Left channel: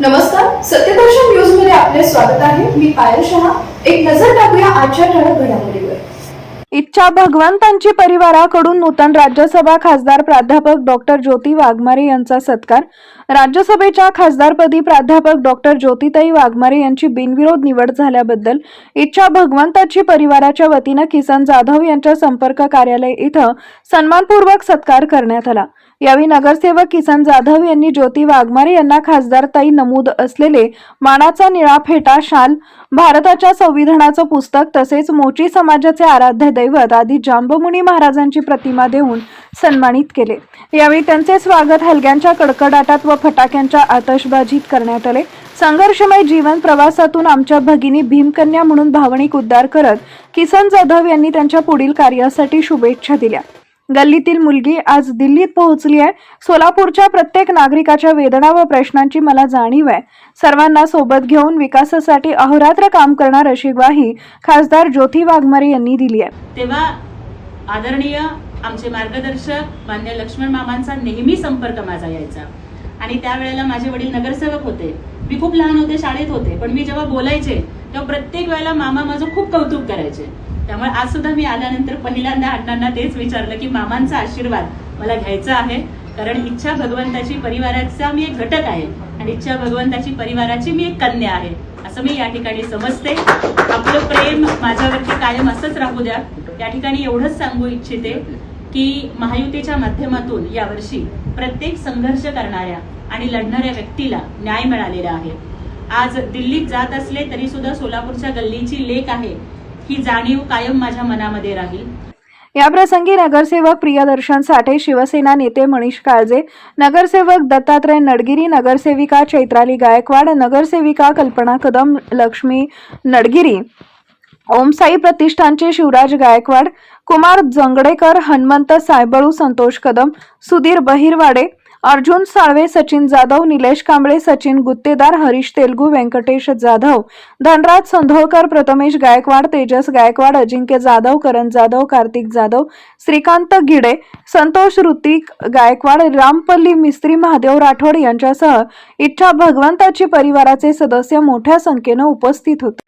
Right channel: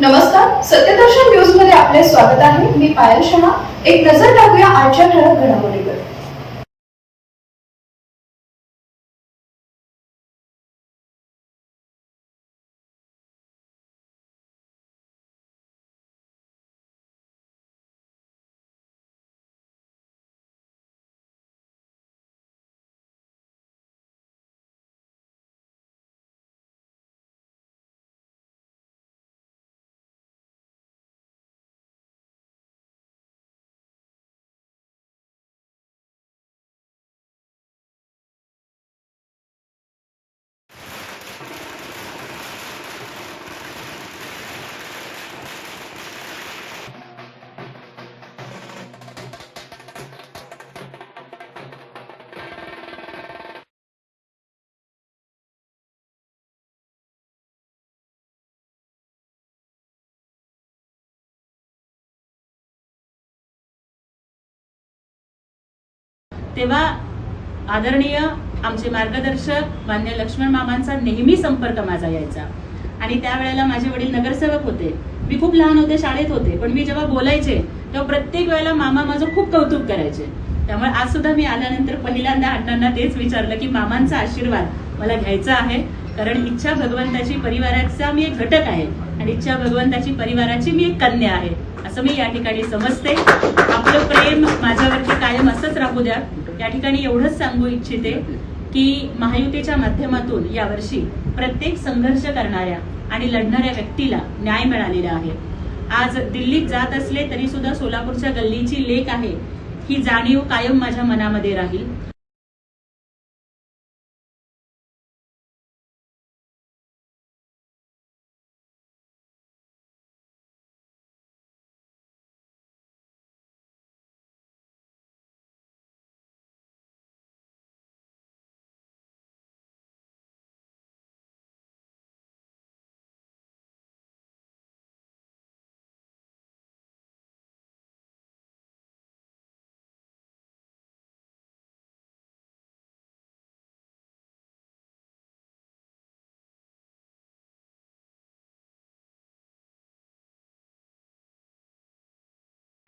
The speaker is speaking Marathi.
नमस्कार, सत्यदर्शन न्यूज मध्ये आपले स्वागत आहे. मी पायल शहा. एक नजर टाकूया आजच्या ठळक घडामोडीवर. इच्छा भगवंतांची परिवाराकडून नूतन राज्यसभा खासदार प्राध्यापक डॉक्टर ज्योती वाघमारे यांचा सत्कार. राज्यसभेच्या खासदारपदी प्राध्यापक डॉक्टर ज्योतिताई वाघमारे यांची बिनविरोध निवड झाल्याबद्दल इच्छा भगवंताची परिवाराच्या वतीनं किसन जाधव यांच्या संपर्क कार्यालय इथं सन्मानपूर्वक सत्कार करण्यात आला. यावेळी नगरसेवक किसन जाधव यांनी ज्योती वाघमारे यांना खासदारताई नमूद असलेले मानाचा निळा फेटा, शाल, भारताच्या संविधानाचं पुस्तक तसेच मोची समाजाचे आराध्य दैवत आदी जांबमुनी महाराजांची प्रतिमा देऊन सन्मानित केले. यावेळी त्यांचे स्वागत हलग्यांच्या कडकडाटात व फटाक्यांच्या आतषबाजीत करण्यात आले. संघर्षमय जीवन प्रवासातून आमच्या भगिनी भीमकन्या म्हणून भावनिक उद्धार करत किसन जाधव यांनी त्यांच्या पुढील कार्यासाठी शुभेच्छा दिल्या. गल्लीतील मुलगी आज दिल्लीत पोहोचली आहे. सोलापूरच्या प्रत्येक नागरिकाच्या वेदना व प्रश्नांची मला जाणीव आहे. सर्वांना सोबत घेऊन विकासासाठी अहोरात्र काम करणार अशी ग्वाही खासदार ज्योती वाघमारे यांनी दिली आहे. तेव्हा आदरणीय आमचे मार्गदर्शक मान्य लक्ष्मण मामांचा नेहमी संपर्क माझा यायचा आणि त्यावेळेला माझे वडील नगरसेवक होते. मी खूप लहान होते, शाळेत होते, पण मी जेव्हा बोलायचे तेव्हा प्रत्येक वेळेला मामा माझं खूप कौतुक करायचे. त्यामुळे आज सुद्धा मी आल्यानंतर पहिल्यांदा अण्णांना तेच विचारलं की मामांचा आशीर्वाद मला घ्यायचा आहे, कारण इच्छा भगवंताची परिवाराचा मी एक घटक आहे आणि इच्छा भगवंताची परिवाराची मी एक कन्या आहे असं मी या ठिकाणी समजते. आपलं प्रेम माझ्यावरती कायम असंच राहू द्या. या ठिकाणी एवढंच सांगू इच्छिते की महायुतीच्या माध्यमातून यावर्षी प्रत्येक संघर्ष करणाऱ्या आणि लढणाऱ्या व्यक्तीला न्याय मिळालेला आहे. आज दिल्लीत जात असले तरी सुद्धा सोलापूरच्या गल्लीची लेक आहे ही जाणीव कायम माझ्या मनामध्ये राहील. या प्रसंगी नगरसेवक प्रियदर्शन साठे, शिवसेना नेते मनीष काळजे, नगरसेवक दत्तात्रय नडगिरी, नगरसेविका चैत्राली गायकवाड, नगरसेविका कल्पना कदम, लक्ष्मी नडगिरी, ओमसाई प्रतिष्ठानचे शिवराज गायकवाड, कुमार जंगडेकर, हनुमंत सायबळू, संतोष कदम, सुधीर बहिरवाडे, अर्जुन साळवे, सचिन जाधव, निलेश कांबळे, सचिन गुत्तेदार, हरीश तेलगू, व्यंकटेश जाधव, धनराज संधोळकर, प्रथमेश गायकवाड, तेजस गायकवाड, अजिंक्य जाधव, करण जाधव, कार्तिक जाधव, श्रीकांत गिडे, संतोष ऋतिक गायकवाड, रामपल्ली मिस्त्री, महादेव राठोड यांच्यासह इच्छा भगवंताची परिवाराचे सदस्य मोठ्या संख्येने उपस्थित होते.